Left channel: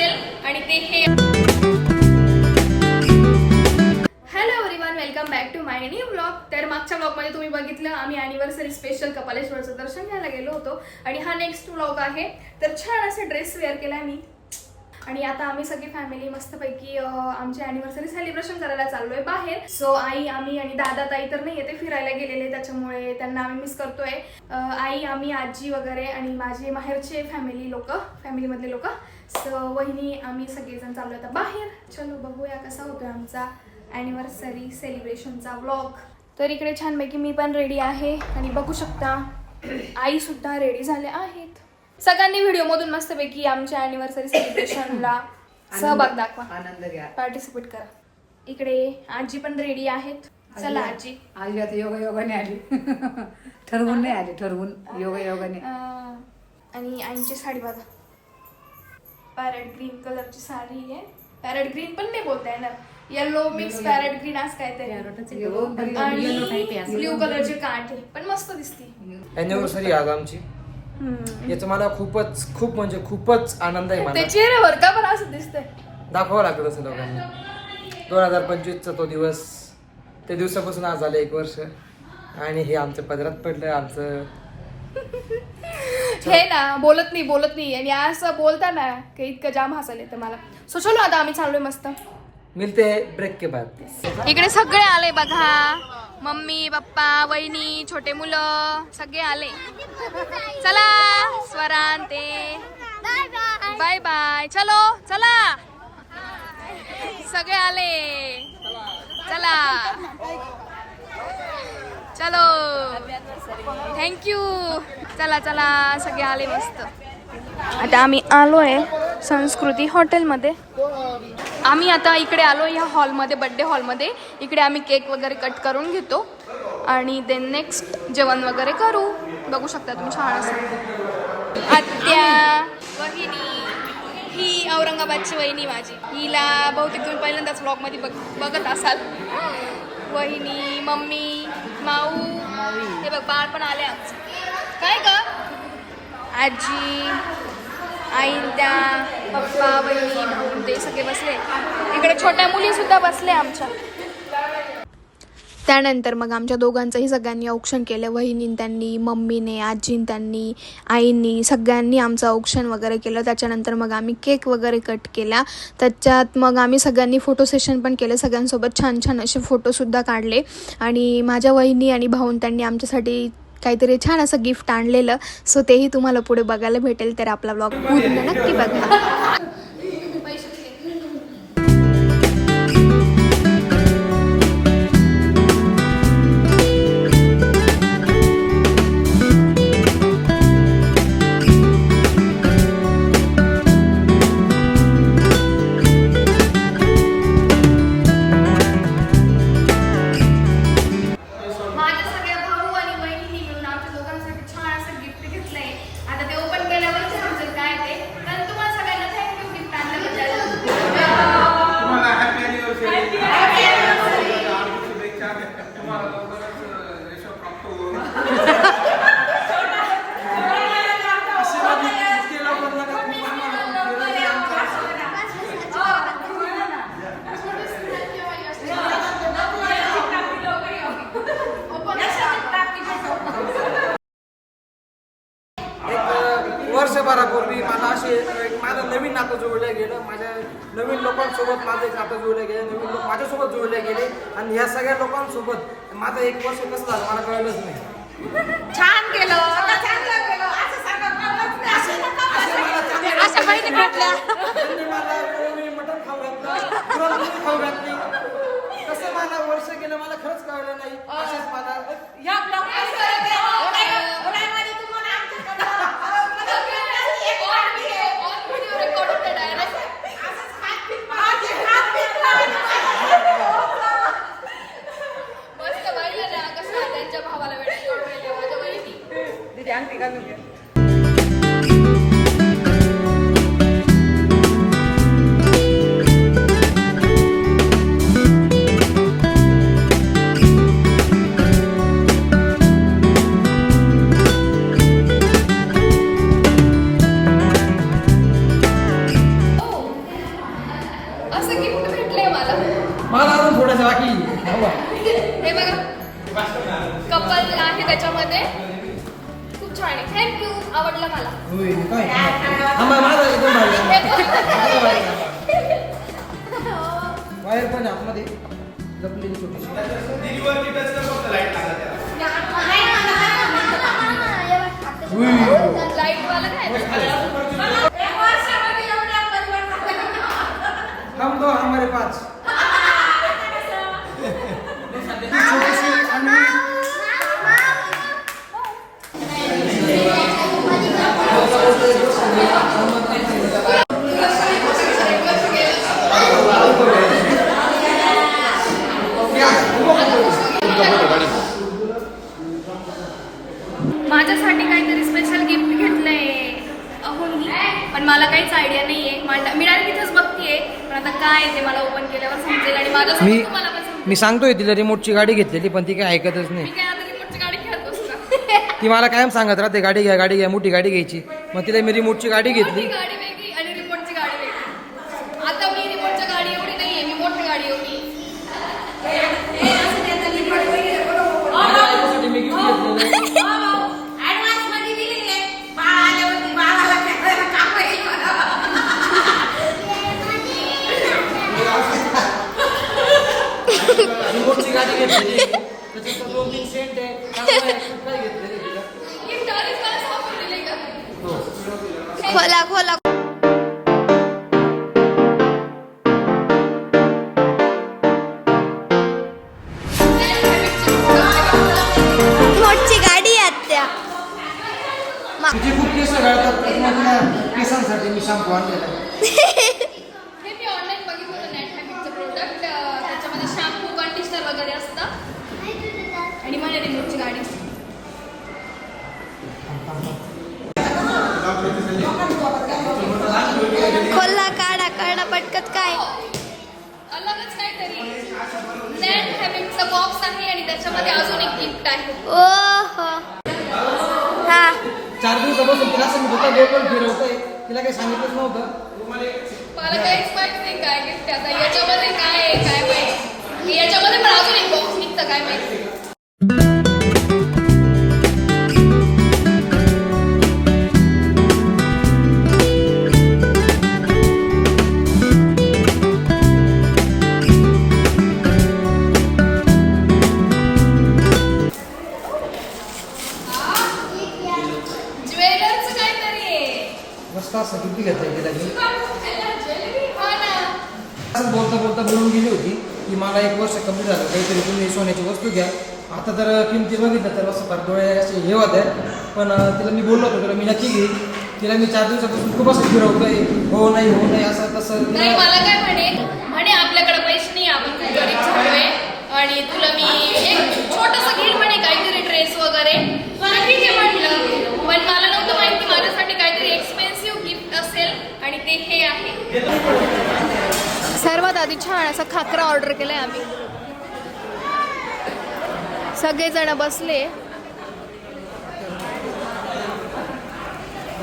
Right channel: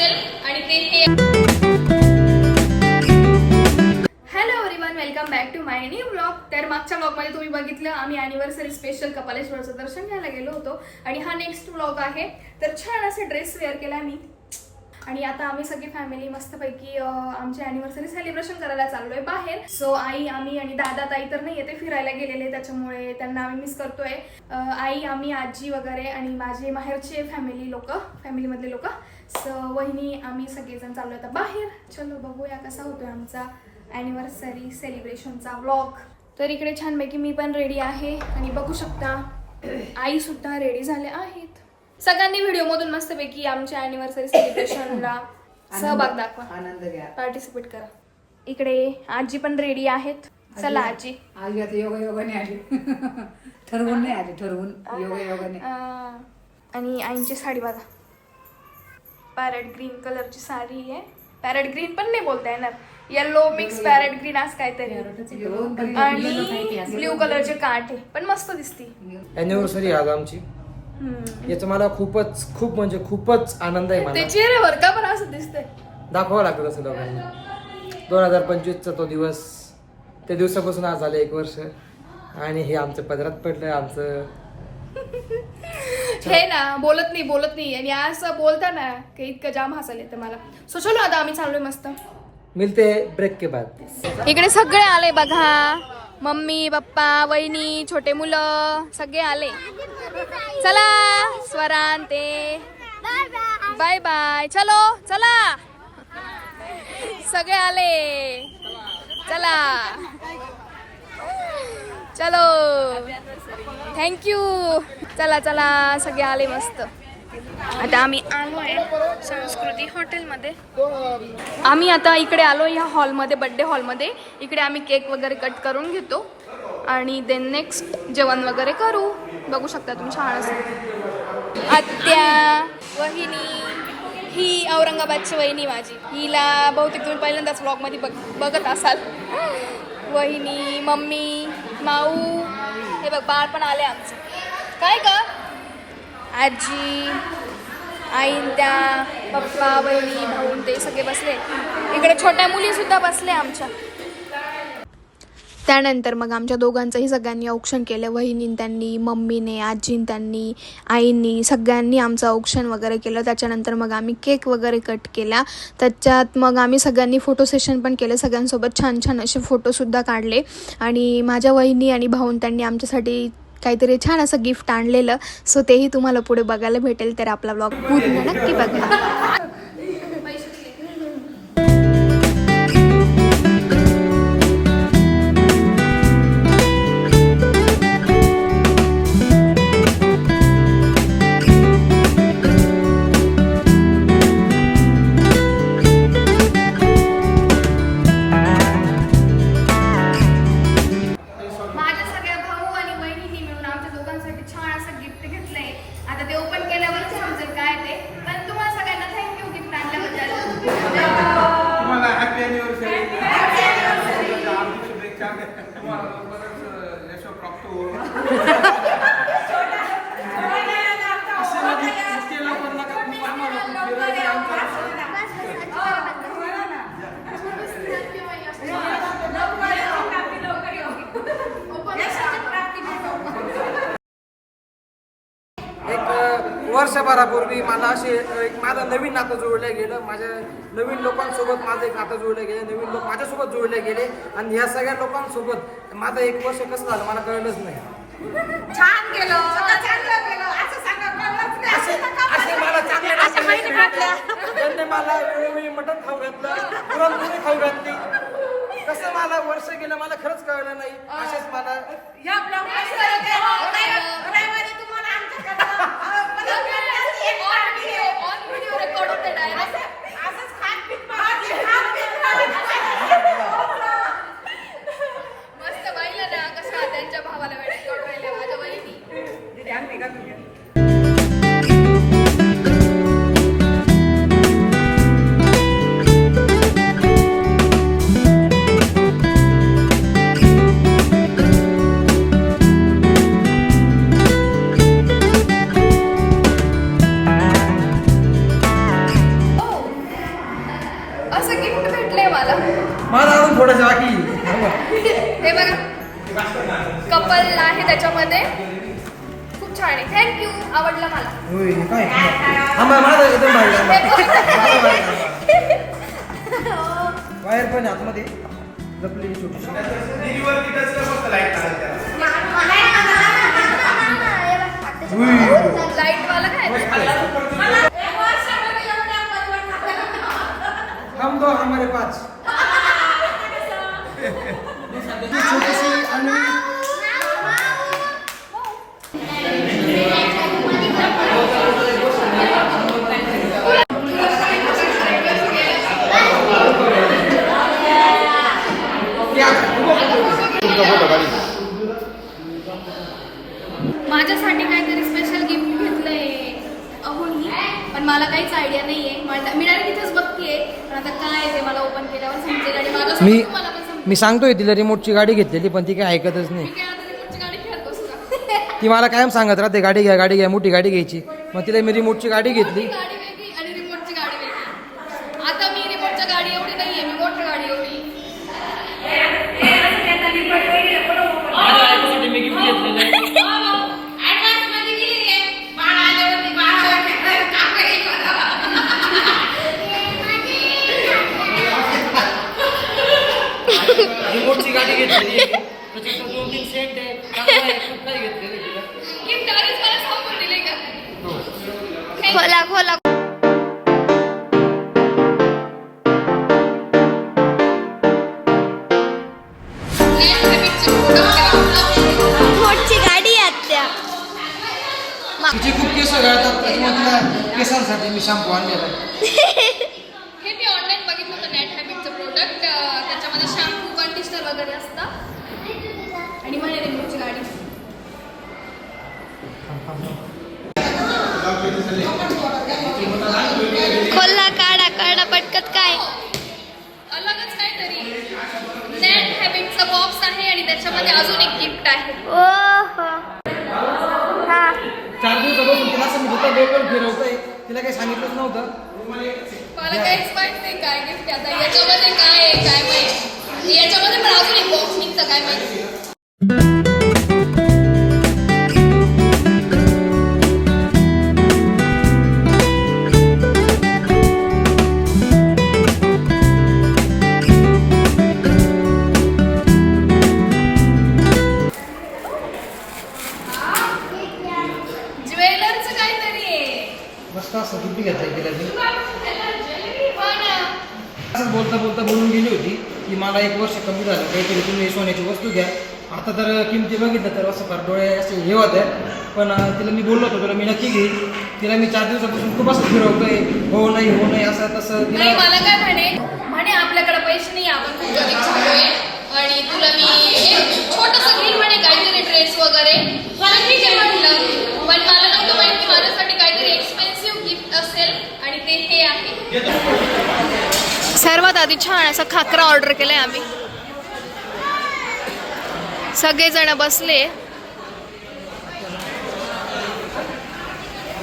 असेल आणि ते हे. Hello everyone, welcome back to my new vlog. तर मागच्या व्लॉगमध्ये तुम्ही बघितलं आम्ही अॅनिव्हर्सरी स्पेशल कपालेश्वरचं दर्शन घ्यायला गेलो होतो आणि हा नेक्स्ट व्लॉग आहे. तर छान असा ड्रेस वेअर केलाय मी आणि आता आम्ही सगळी फॅमिली मस्तपैकी आमची अॅनिव्हर्सरी सेलिब्रेशन करायला चाललोय बाहेर. सो आई, आम्ही आणि दादा ताई तर नाही येते, फिरायला गेलेले, त्याच्यामुळे त्यांना आम्ही मिस करतोय. आई, आम्ही, आजी वगैरे आणि माझे माहेरचे फॅमिलीमधले लोक. सो वहिनी, आम्ही सगळेजण चाललोय आता बाहेर. चलो बघूया कसा होतोय आमचा अॅनिव्हर्सरी सेलिब्रेशनचा व्लॉग. तर इकडे छानपैकी मी पण रेडी आहे आणि बघू शकता आई सुद्धा रेडी झाल्या आहेत. सगळ्यांनी व्हिडिओ मधून मस्तपैकी आमच्या अॅनिव्हर्सरी सेलिब्रेशनला सहभाग दाखवा, आनंद घ्या, पार्टिसिपेट करा. इकडे आजी पण रेडी आहेत. चला आजी. आजी आता योगाने आली. ठरवून नाही आली, ठरवून योगाने. आणि आईची साडी बघा, पॅरेट ग्रीन कलरची साडी आहे. पॅरेट ग्रीन पण नाही बोलता येणार, येलो मिक्स पॅरेट ग्रीन असं काहीतरी, आणि ब्ल्यू कलरचे काठ आहे, पण मस्त दिसती. अॅनिव्हर्सरी आज आमची. याचा मला खूपच आनंद आहे. ते चेहऱ्यावर का बरं असं दिसतंय, दाखवावं लागतं असं लोकांना. 2025चा तो दिवस, त्या दिवसापासून आज झालं 1 वर्ष आणि हे आमचं पदरात पडलं. आमचं हे ना बोलत नाही आणि असं बोलता ना की इतकं जाम हसायला येतं मला. सो चलो आता आम्ही चाललोय मस्त. मिलते ब्रेक के बाद. इकडे सगळे आले बघा, मम्मी पप्पा वहिनी छोटे मुलं सगळे आले. चला स्वरान ते बाय बाय. चलो चला, सगळे आले. चला चलो, थँक्यू. चला चला, सगळे आले मस्त. आता आम्ही आलोय संस्कृती हॉटेलमध्ये. आम्ही आता इकडे आलो या हॉलमध्ये, बर्थडे हॉलमध्ये. इकडे आम्ही केक वगैरे कट करून घेतो आणि देन नेक्स्ट जेवण वगैरे करू. बघू शकता तुम्ही छान असं. आत्या, वहिनी, ही औरंगाबादची वहिनी माझी. हिला बहुतेक तुम्ही पहिल्यांदाच व्लॉगमध्ये बघत असाल. वहिनी, मम्मी, माऊ, हे बघ बाळ पण आले आमचं. काय का आजी, आई, त्या पप्पा, वहिनी, भाऊ ते सगळे बसले. इकडे छोट्या मुली सुद्धा बसले आमच्या. त्यानंतर मग आमच्या दोघांचंही सगळ्यांनी औक्षण केलं. वहिनीन त्यांनी, मम्मीने, आजीन त्यांनी, आईंनी, सगळ्यांनी आमचं औक्षण वगैरे केलं. त्याच्यानंतर मग आम्ही केक वगैरे कट केला. त्याच्यात मग आम्ही सगळ्यांनी फोटो सेशन पण केलं. सगळ्यांसोबत छान छान असे फोटोसुद्धा काढले. आणि माझ्या वहिनी आणि भाऊन त्यांनी आमच्यासाठी काहीतरी छान असं गिफ्ट आणलेलं. सो तेही तुम्हाला पुढे बघायला भेटेल. तर आपला व्लॉग पूर्ण नक्की बघा. वर्षभरापूर्वी मला माझं नवीन नातं जोडलं गेलं. माझ्या नवीन लोकांसोबत माझं एक नातं जोडलं गेलं. नवीन लोक माझ्यासोबत जोडले गेले आणि ह्या सगळ्या लोकांसोबत माझं 1 वर्ष कसं झालं मला कळलंच नाही. छान केलं, चांगलं केलं असं सांगा. त्यांनी मला मटण खाऊ घातलं, पुरणपोळी खाऊ घातली. कसं मला वर्ष गेलं मला खरंच कळलं नाही. असेच मला मस्त बाईला कसा त्यांच्या भावाला वेळ कळवायला माझ्या वहिनी. हे बघा कपल आहे त्याच्यामध्ये, खूप छान आहे. थँक्यू, आवडला मला. माझा एकदम भारी वायर पण आतमध्ये जपलेली छोटी. लाईट वाला काय हम दो हमारे पास. छोटीशी आणि माझ्यासाठी काहीतरी स्पेशल गिफ्ट घेतलंय अहोनी, पण मला काहीच आयडिया नाहीये. मी डायरेक्ट इथेच बघतीये, पण आता काय ते मला ओपन केल्यावर समजेल आणि माझ्यासोबत तुम्हाला पण समजेल. मी सांगतोय तिला रिमोटची गाडी घेतलेली, पण ती काय ऐकतच नाही. मी काय आता रिमोटची गाडी खेळत बसता. ती मला कायम सांगत राहते गाडी घ्या मोठी गाडी घ्यायची. मग तिला मी रिमोटची गाडी घेतली. मोठी गाडी वेगळी आणि रिमोटची गाडी वेगळी. आता मी रिमोटच्या गाडी एवढी नाहीये, मी मोठी गाडी एवढी. माझ्या बायकोसाठी मी गिफ्ट घेतलेलं आहे. रिमोटची गाडी घेतलेली आहे. त्याच्यात 2-3 सेंट आहे. चांगलं आहे. खूप काही घेतलेलं आहे तिला. गिफ्ट डायरेक्ट मला सांगून दिले का? हो. खोला खोला. मोठी गाडी आहे त्या. तिचे खूप केस गळतात, त्याच्यामुळे तिला केसांसाठी मी शॅम्पू आणलेला आहे. हे मी ऑनलाईन बघितलं होतं नेट हॅबिटचं प्रोडक्ट. त्याच्यामध्ये शॅम्पू कंडिशनर वगैरे असतं आणि मला रिमोटची गाडी. खोलला काढा काढा पटकत काय. अलगच काहीतरी नेट हॅबिटचा बॉक्स आहे आणि त्याच्यामध्ये अजून एक गिफ्ट आहे. ओहो हा 4 दिवसापासून तिला असं मी होता गोल फिरवतोय, तिला काही सांगितलंच नव्हतं. मला काहीच माहित नाही काय गिफ्ट आहे. आता याच्यामध्ये काय आहे काय माहित. याच्यामध्ये पण अजून एक बॉक्स निघतं काय माहिती. ज्वेलरचं काहीतरी आहे. मस्त असं गिफ्ट घेतलंय तिला मी. हा ना. असंच बोलता बोलून गेली होती की मला 1 वर्ष कमी झालं, काहीतरी तुम्ही सोन्याची वस्तू घ्या. आता तर किमती बघितलं तर असं फार डोळे असे हे होत्या, पण तिला मी बोललो होतो तुला मी नक्की घेईन. तिला मी 4 दिवसापासून खूप असं फिरवतोय, हो नाही असं तसं. नाही मला काय म्हणे आपल्याकडे पैसे नाही, आपण खूप गरीब झालोय आणि तुला मी छोटंसं घेईन म्हणे काहीतरी ड्रेस वगैरे. मला ठीक आहे म्हटलं, पण मला नव्हतं माहिती माझ्यासाठी काहीतरी एक्सपेन्सिव्ह गिफ्ट असेल आणि ते हे आहे. सर्वात आधी छान असं खाकरा ऑर्डर केलंय आम्ही. सगळेजण बसले.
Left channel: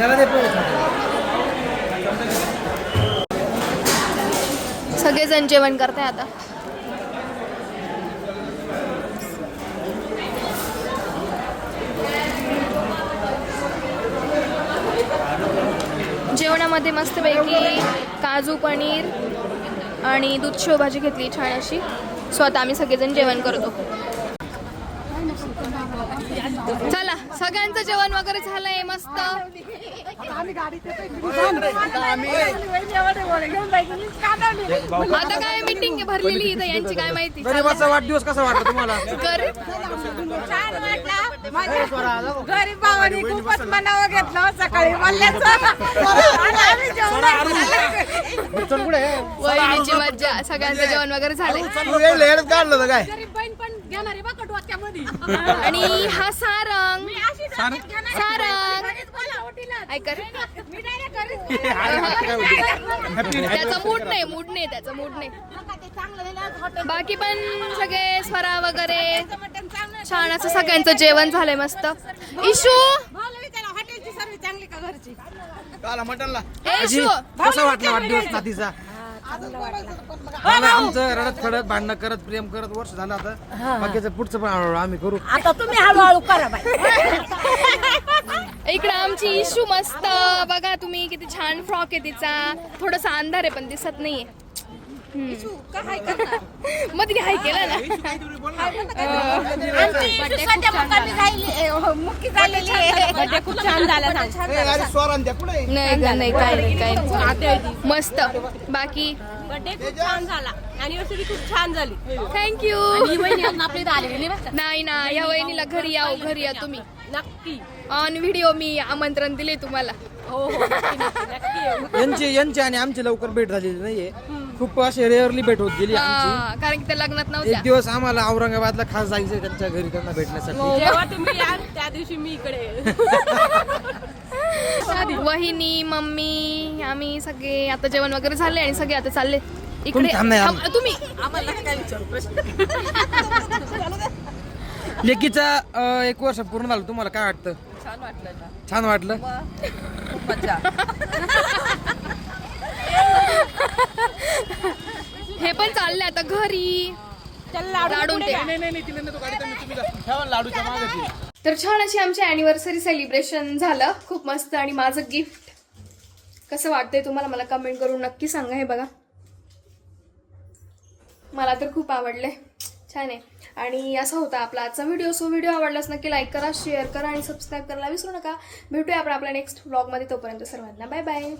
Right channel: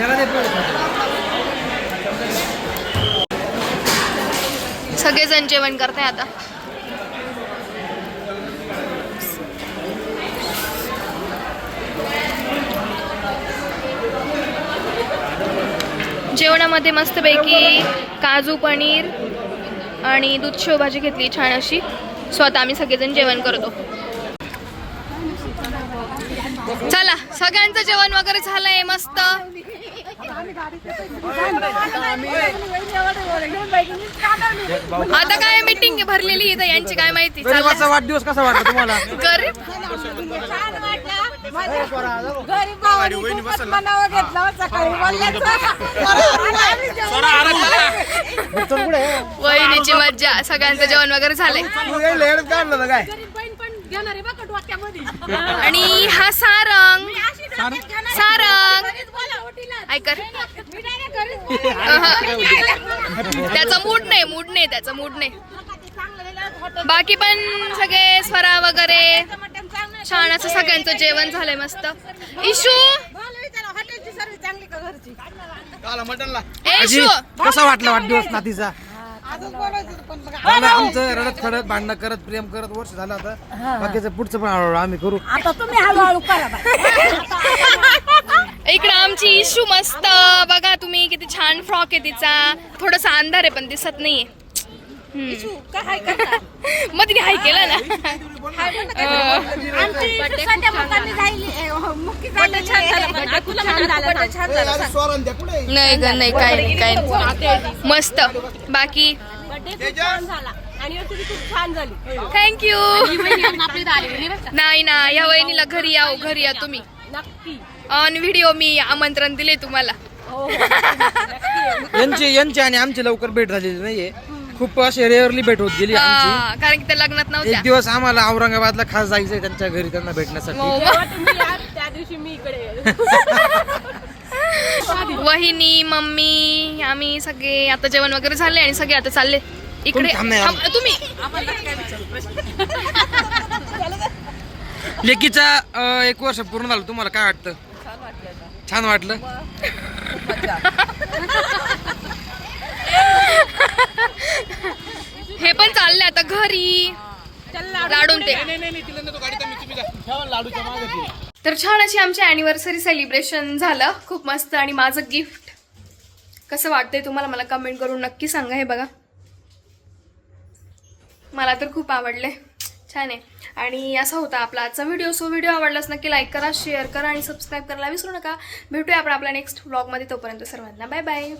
याला दे पण. सगळेजण जेवण करताय आता. जेवणामध्ये मस्तपैकी काजू पनीर आणि दूध शेवभाजी घेतली छान अशी. सो आता आम्ही सगळेजण जेवण करतो. चला सगळ्यांचं जेवण वगैरे झालंय मस्त. आता काय मीटिंग भरलेली इथं यांची काय माहिती. गरीबाचा वाढदिवस कसा वाटला तुम्हाला? गरीब गरीब भावानी खूपच मनावर घेतला सकाळी वहिनीची मज्जा. सगळ्यांचं जेवण वगैरे झालंय आणि हा सारंग ऐकर त्याचा मूड नाही त्याचा मूड नाही. बाकी पण सगळे स्वरा वगैरे छान असं सगळ्यांचं जेवण झालंय मस्त. इशू इशू कसा वाटला वाढदिवस नातीचा? आणि आमचं रडत खडत भांडणं करत प्रेम करत वर्ष झालं आता बाकीचं पुढचं पण हळूहळू आम्ही करू. आता तुम्ही हळूहळू करा बाई. इकडं आमची इशू मस्त बघा तुम्ही किती छान फ्रॉक आहे तिचा. थोडासा अंधार आहे पण दिसत नाहीये. मग तिने हाय केला ना. आमची इशू सध्या मुखाने राहिली, मुकी झालेली आहे. खूप छान झालं. नाही ग नाही काय नाही मस्त. बाकी खूप छान झाली. थँक्यू. नाही ना या वहिनीला घरी या तुम्ही नक्की. ऑन व्हिडिओ मी आमंत्रण दिले तुम्हाला. यांची आणि आमची लवकर भेट झालेली नाहीये. खूप अशी रेअरली भेट होत गेली आमची. हा, कारण की त्या लग्नात एक नव्हत्या. दिवस आम्हाला औरंगाबादला खास जायचंय त्यांच्या घरी त्यांना भेटण्यासाठी. हो. त्या दिवशी मी इकडे वहिनी मम्मी आम्ही सगळे आता जेवण वगैरे झाले आणि सगळे आता चालले इकडे. कोणी थांब नाही आलं. तुम्ही लेकीचा 1 वर्ष पूर्ण झालं. तुम्हाला काय वाटतं? छान वाटलं. हे पण चालले आता घरी लाडून ते. तर छान अशी आमची अॅनिव्हर्सरी सेलिब्रेशन झालं. खूप मस्त. आणि माझं गिफ्ट कसं वाटतंय तुम्हाला मला कमेंट करून नक्की सांगा. हे बघा मला तर खूप आवडले. छान आहे. आणि असा होता आपला आजचा व्हिडिओ. सो व्हिडिओ आवडलाच नक्की लाईक करा, शेअर करा आणि सबस्क्राईब करायला विसरू नका. भेटूया आपण आपल्या नेक्स्ट व्लॉगमध्ये. तोपर्यंत सर्वांना बाय बाय.